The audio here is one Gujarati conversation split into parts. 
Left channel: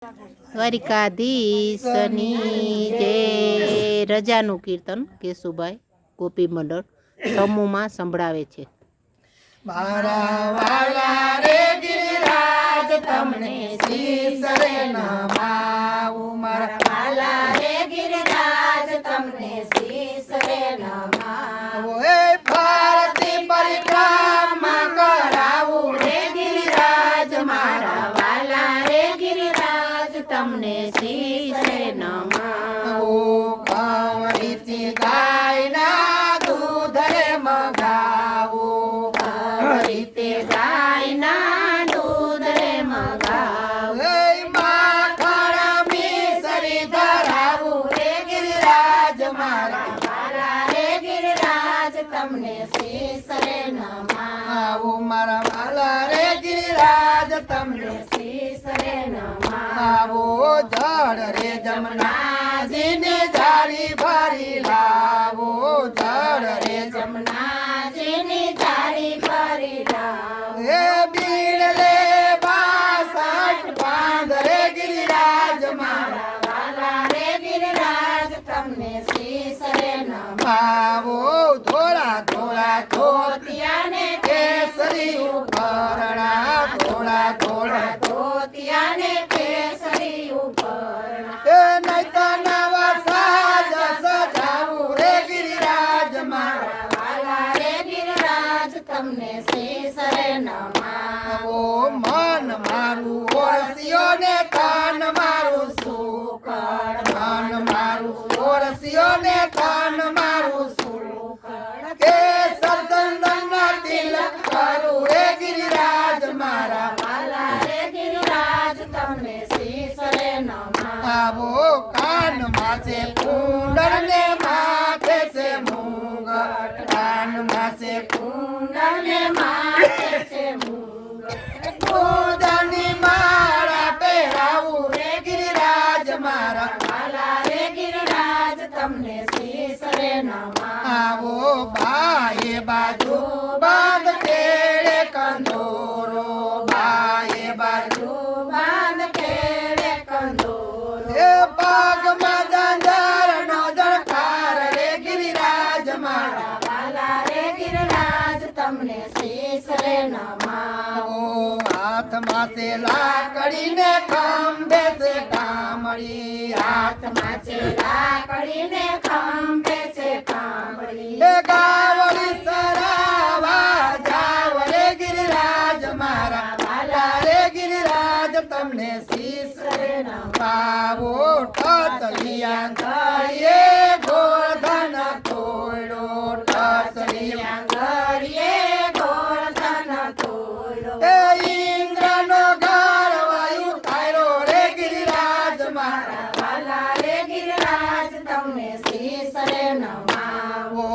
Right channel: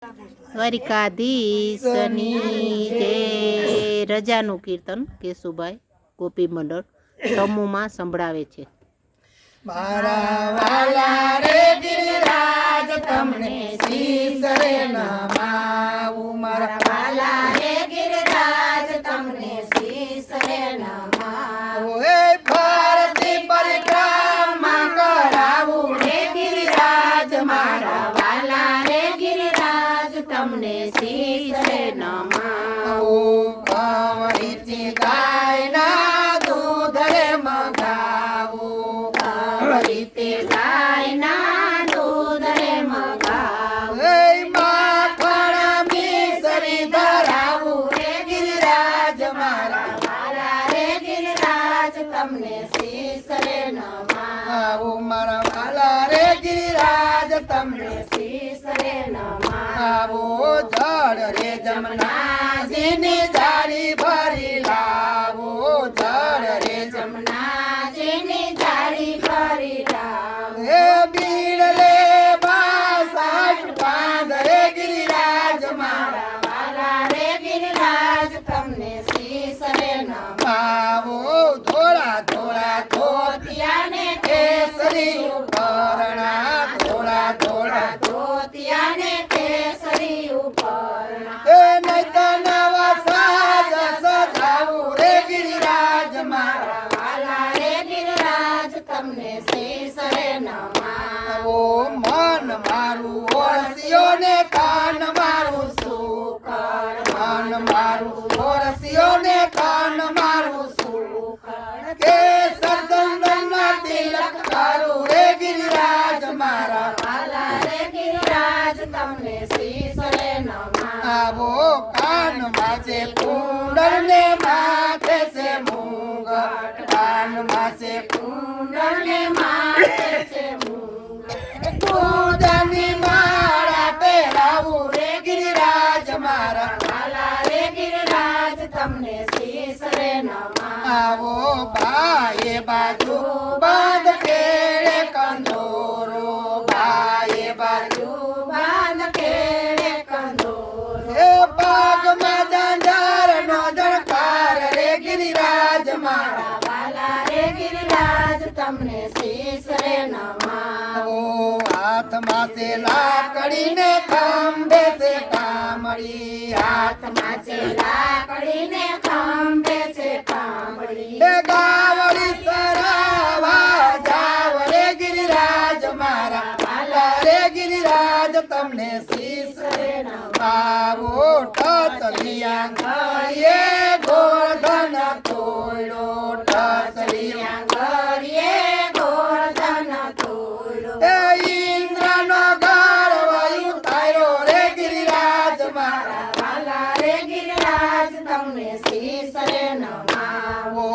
દ્વારિકાધીશની જય. રજાનું કીર્તન કેશુભાઈ ગોપી મંડળ સમૂહમાં સંભળાવે છે. મારા વાલા રે ગિરિરાજ તમને શીશ રે નમાવું. મારા વાલા રે ગિરિરાજ તમને શીશ રે નમાવું. એ ફરતી પરિક્રમા કરાવું રે ગિરિરાજ મારા વાલા રે ગિરિરાજ તમને શીશ રે નમાવું. કાવડીથી ગાયના દૂધ રે મગાવું. રીતે ગાયના દૂધ રે મગાવું. એ માખણ મિસરી ધરાવું રે ગિરિરાજ મારા વાલા રે ગિરિરાજ તમને શીશ રે નમાવું. આવું. મારા વાલા રે ગિરિરાજ તમને શીશ રે નમાવું. આવો. જળ રે જમનાજીની જારી ભરી લાવો. જળ રે જમનાજીની જારી ભરી લાવો. એ બીડ રે બાસઠ બાંધ રે ગિરિરાજ મારા વાલા રે ગિરિરાજ તમને શીશ રે નમાવું. આવો. ધોળા ધોળા ધોતિયાને કેસરી ઉપરણા. ધોળા ધોળા ધોતિયાને કેસરી ઉપરણા. એ નહીં તો નવા સાજ સજાવું રે ગિરિરાજ મારા વાલા રે ગિરિરાજ તમને શીશ રે નમાવું. આવો. મન મારું ઓરસિયો ને કાન મારું સુકળ. મન મારું ઓરસિયો ને કાન મારું સુકળ. કે સરદંડના તિલક કરું રે ગિરિરાજ મારા વાલા રે ગિરિરાજ તમને શીશ રે નમાવું. આવો. કાનમાં છે કુંડળ ને માથે છે મુંગટ. કાનમાં છે કુંડળને માથે છે મુંગટ. પૂજાની માળા પહેરાવું રે ગિરિરાજ મારા વાલા રે ગિરિરાજ તમને શીશ રે નમાવું. આવો. બાએ બાજુ બાંધ કેળે કંદોરો. બાએ બાજુ બાંધ કેળે કંદોરો. એ પાગમાં ઝાંઝર નો ઝણકાર રે ગિરિરાજ મારા વાલા રે ગિરિરાજ તમને શીશ રે નમાવું. આવો. હાથમાં છે લાકડીને ખંભે છે કામળી. હાથમાં છે લાકડીને ખંભે છે કામળી. એ ગાવડી સરાવા જાવ રે ગિરિરાજ મારા વાલા રે ગિરિરાજ તમને શીશ રે નમાવો. ટસલિયા ઘડીએ ગોળધન તોડો. ટસલિયા ગળીએ ગોળધન તોડો. એ ઇન્દ્રનો ગાળવાયું તાર્યો રે ગિરિરાજ મારા વાલા રે ગિરિરાજ તમને શીશ રે નમાવું. ઓ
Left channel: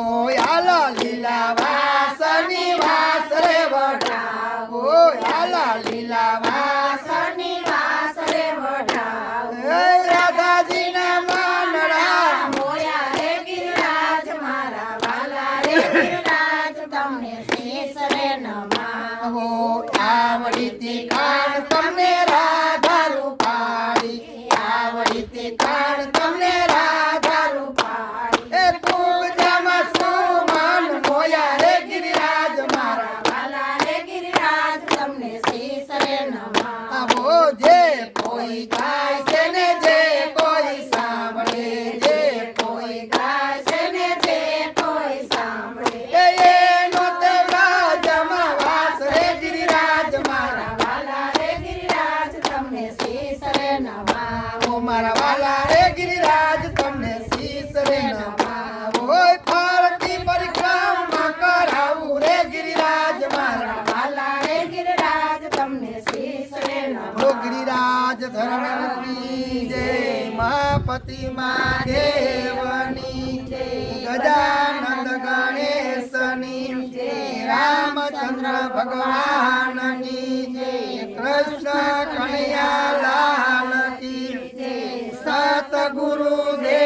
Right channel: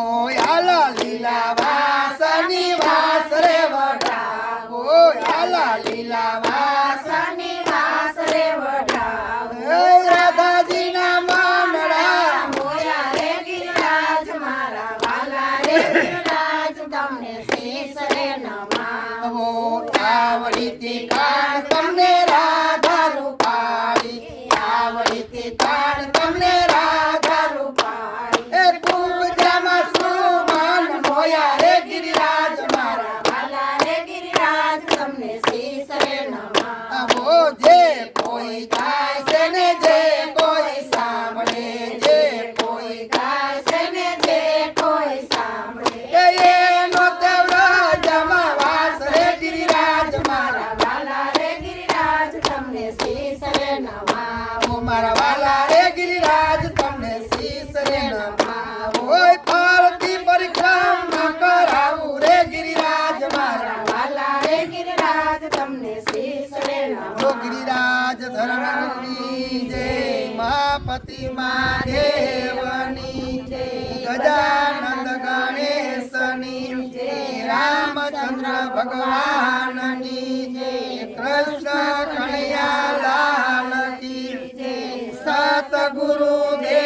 આલા લીલા વાસની વાસ રે વઢાવો. આલા લીલા વાસ વાસની વાસ રે વઢાવો. એ રાધાજીના મનડા મોયા રે ગિરિરાજ મારા વાલા રે ગિરિરાજ તમને શીશ રે નમાવું. આવો. આવડીથી કાન તમને રાધા રૂપાળી. આવડીથી કાન તમને રાધા રૂપાળી. એ ખૂબ જામાં સુમન મોયા રે ગિરિરાજ મારા વાલા રે ગિરિરાજ તમને શીશ રે નમાવું. આવો. જે કોઈ ગાય છે ને જે કોઈ સાંભળે. જે કોઈ ગાશે ને જે કોઈ સાંભળે. એનો તેવડા જમાવાસ રે ગિરિરાજ મારા વાલા રે ગિરિરાજ તમને શીશ રે નમાવું. ઓ મારા વાલા રે ગિરિરાજ તમને શીશ રે નમાવો. ઓય ફરતી પરિક્રમા કરાવું રે ગિરિરાજ મારા વાલા રે ગિરિરાજ તમને શીશ રે ઓ નમાવું. ગિરિરાજ ધરણની જય. માપતિ મહાદેવની જય. ગજાનંદ ગણેશની જય. રામચંદ્ર ભગવાનની જય. કૃષ્ણ કનૈયા લાલ કી જય. સતગુરુ દેવ